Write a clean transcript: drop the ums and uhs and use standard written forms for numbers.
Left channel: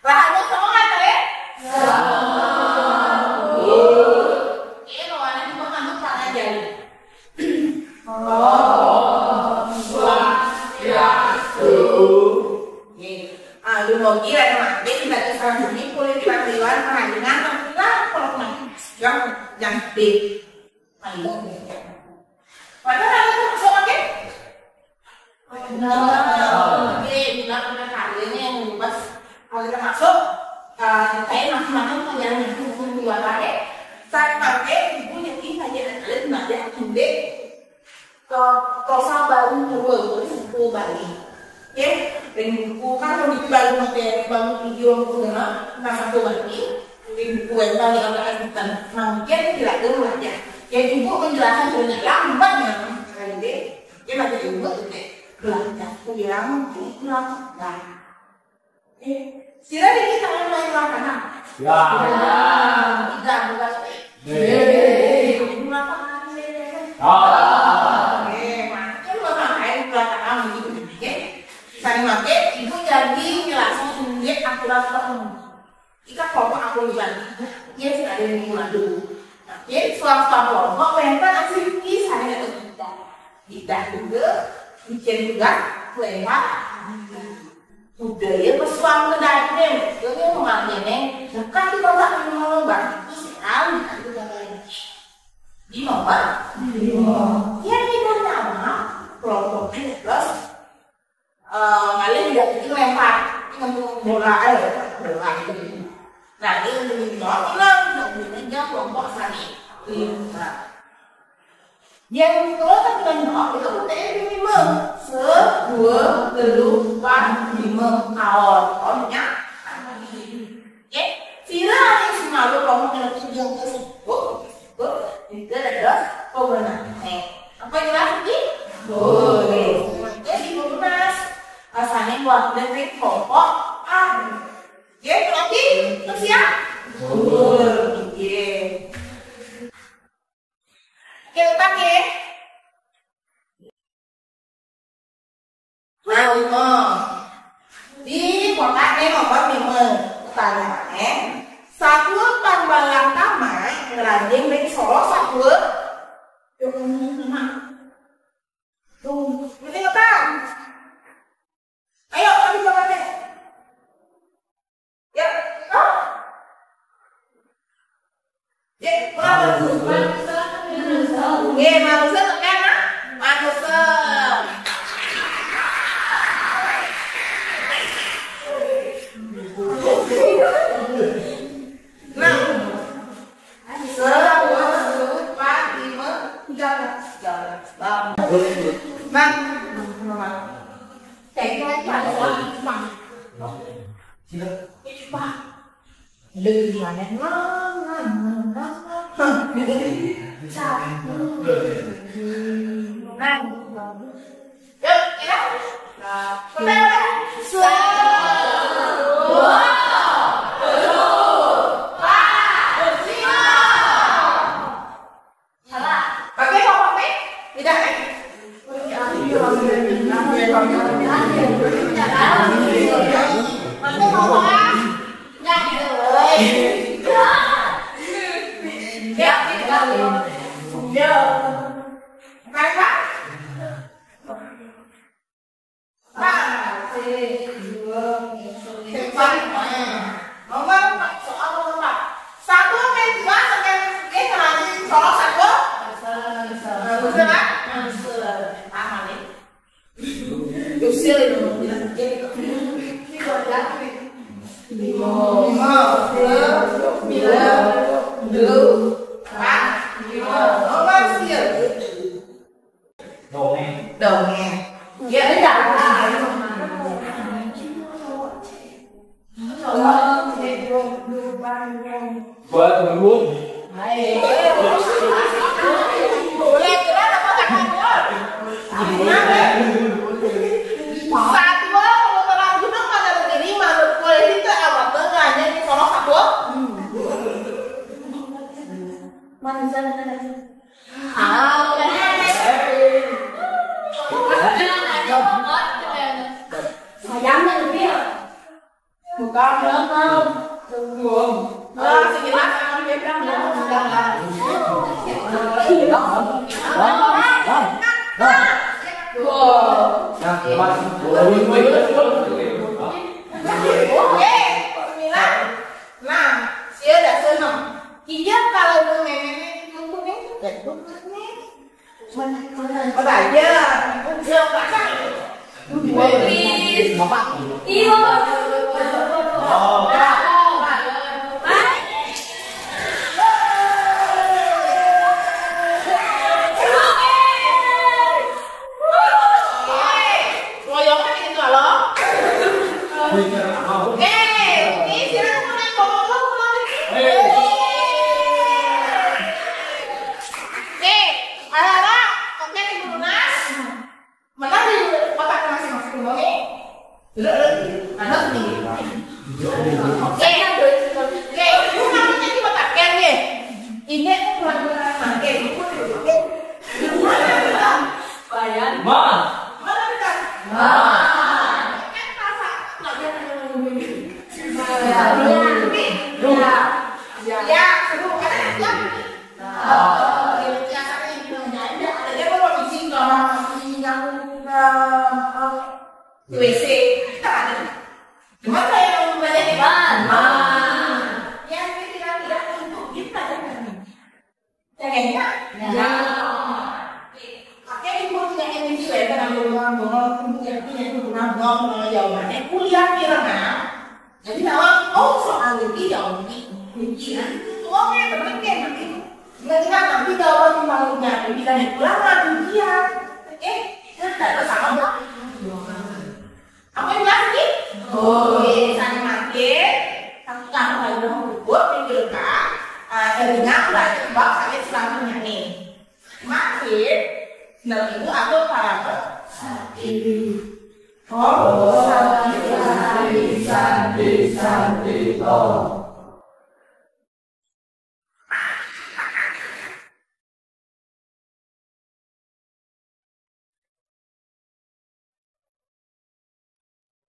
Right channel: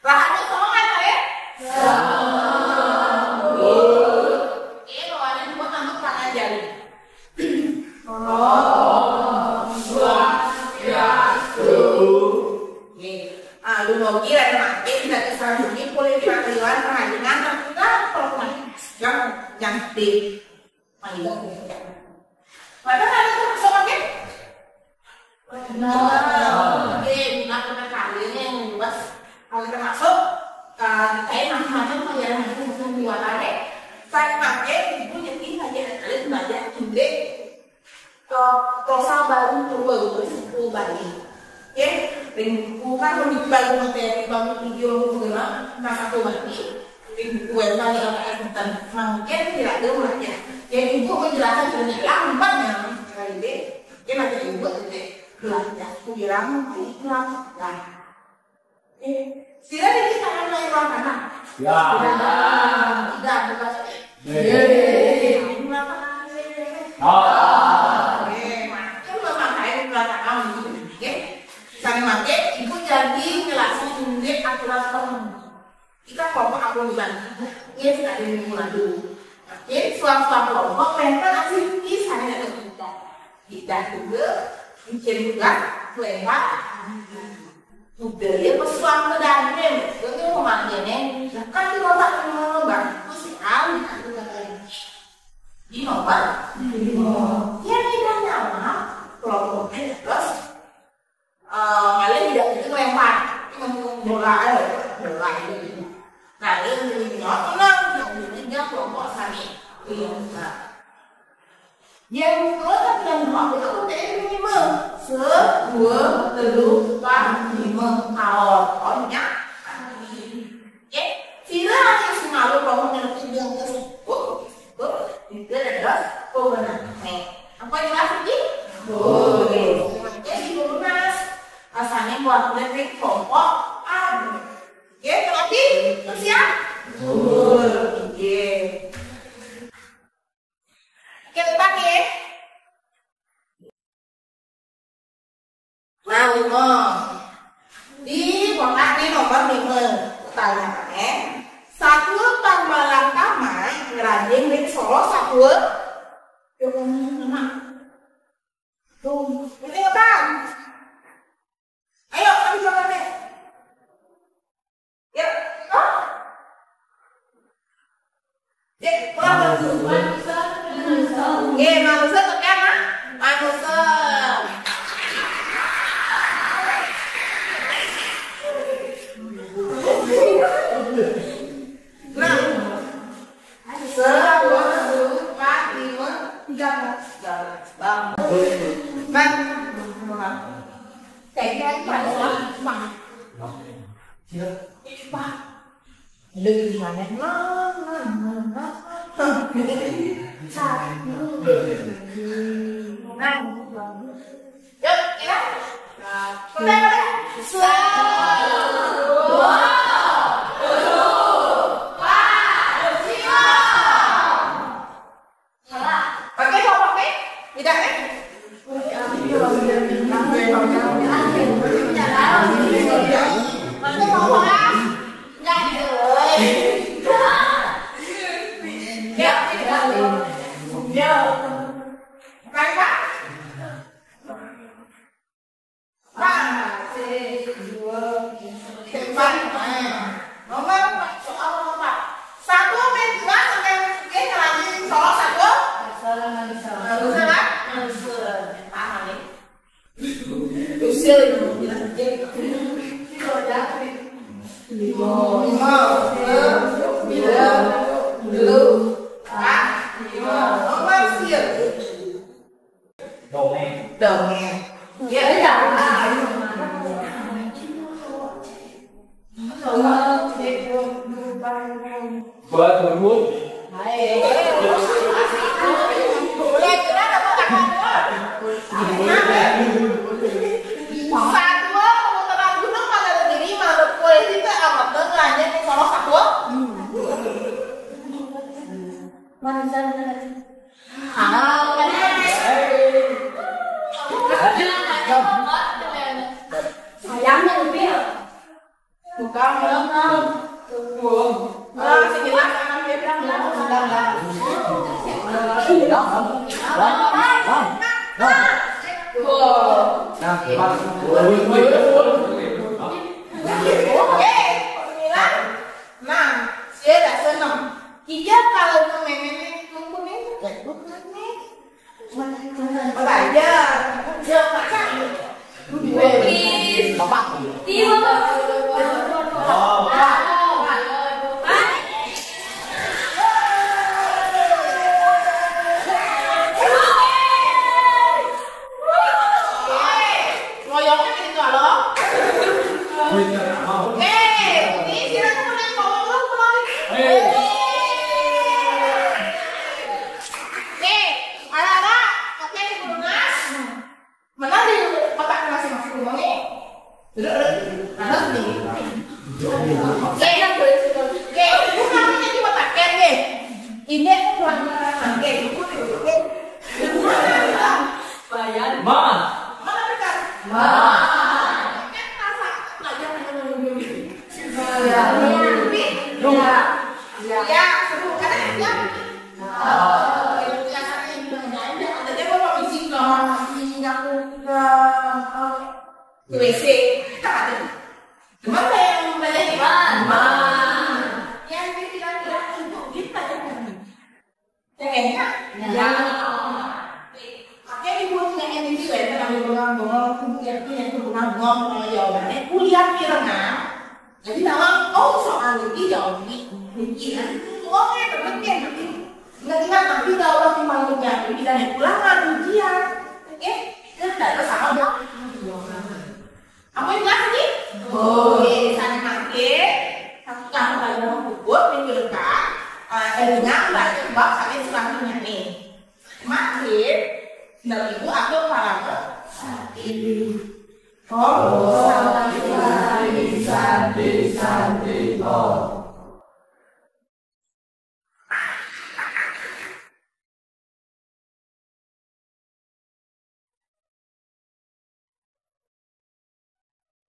Rahanya sama kan kali? Ini loh, ada cuma tanduk tangan jari. Lu mau kira nanti kita kesana ini kulit peraturan perhatian kalau yang di padahal ada tuh sama kan? Bila pernah kalinya yang membahas kalau masuk saya macam-macam yang jualannya saya pakai ibu yang ini saja lihat banyak gede kalau baru terus buku Bali. Oke, buku kan lebih baru pakai baru video mengenai masa tua ini. Buku yang baru agak tentang mungkin tidak ada ya. Yang ibu menjelaskan banyak lambat yang kali ini. Dia masih ibu belajar. Aku bilang lambat. Sila ini tangan lain mana? Ya. Tidak bebas. Saya pakai ibu jadi jelasin indeks aturan tertentu. Kita kelompok aku di Bali, ya sudah ada yang mulai dulu. Jadi suatu kelompok mereka aktivitas saya ada tidak juga, bikin juga, lewat budaya pesuang medani, jadi normalnya nih, bukan di kota Nombar, itu sekali di Nombar. Ya tidak nama kelompoknya terus. Kalian tidak itu lempar bola itu. Nah ini ini kelompok tadi. Yang kedua dengan itu minimum 1, 2, 3, 4, 5 awalnya. Oke, sila yang selalu kelompok yang sudah tersebut itu adalah pemenang. Apa yang lagi? Boleh. Jadi lunas. Asalnya waktunya dari kelompok A. Oke, berarti siap? Oke. Kita ya. Nah, di kotak ini nomor 5. Pertanyaannya, 1 tambah Lakama ngeranding dari Solo 1. Yuk, nama. Tuh, ini apa? Ayo, kami jalan deh. Ya, ya, pulang dulu. Oke, manusia tekan, ha? Manusia. Nah, 1, 2, 4, 5, 13. Bang. Cái bằng lư là nó sao pakai apa pakai tidak đầu nghe nghĩa là vợ tôi muốn Hả? WC. Gimana yang banyak di mana? Yang tidak untuk kita ya. Ya. Pakai ibu yang ini saya kan ngomong jawabannya kuliah kirana. Jadi nama soal ini jawab ini. Ngomongnya berpikir nggak nanti jawaban cuma juga tidak pulang ujian. Tidak sama. Apa yang lagi? Saya nanti kalau yang bubut minggu depan, dengar lah coba saya selanjutnya nih. Makin, dari itu aku para Oh, sandi, oh.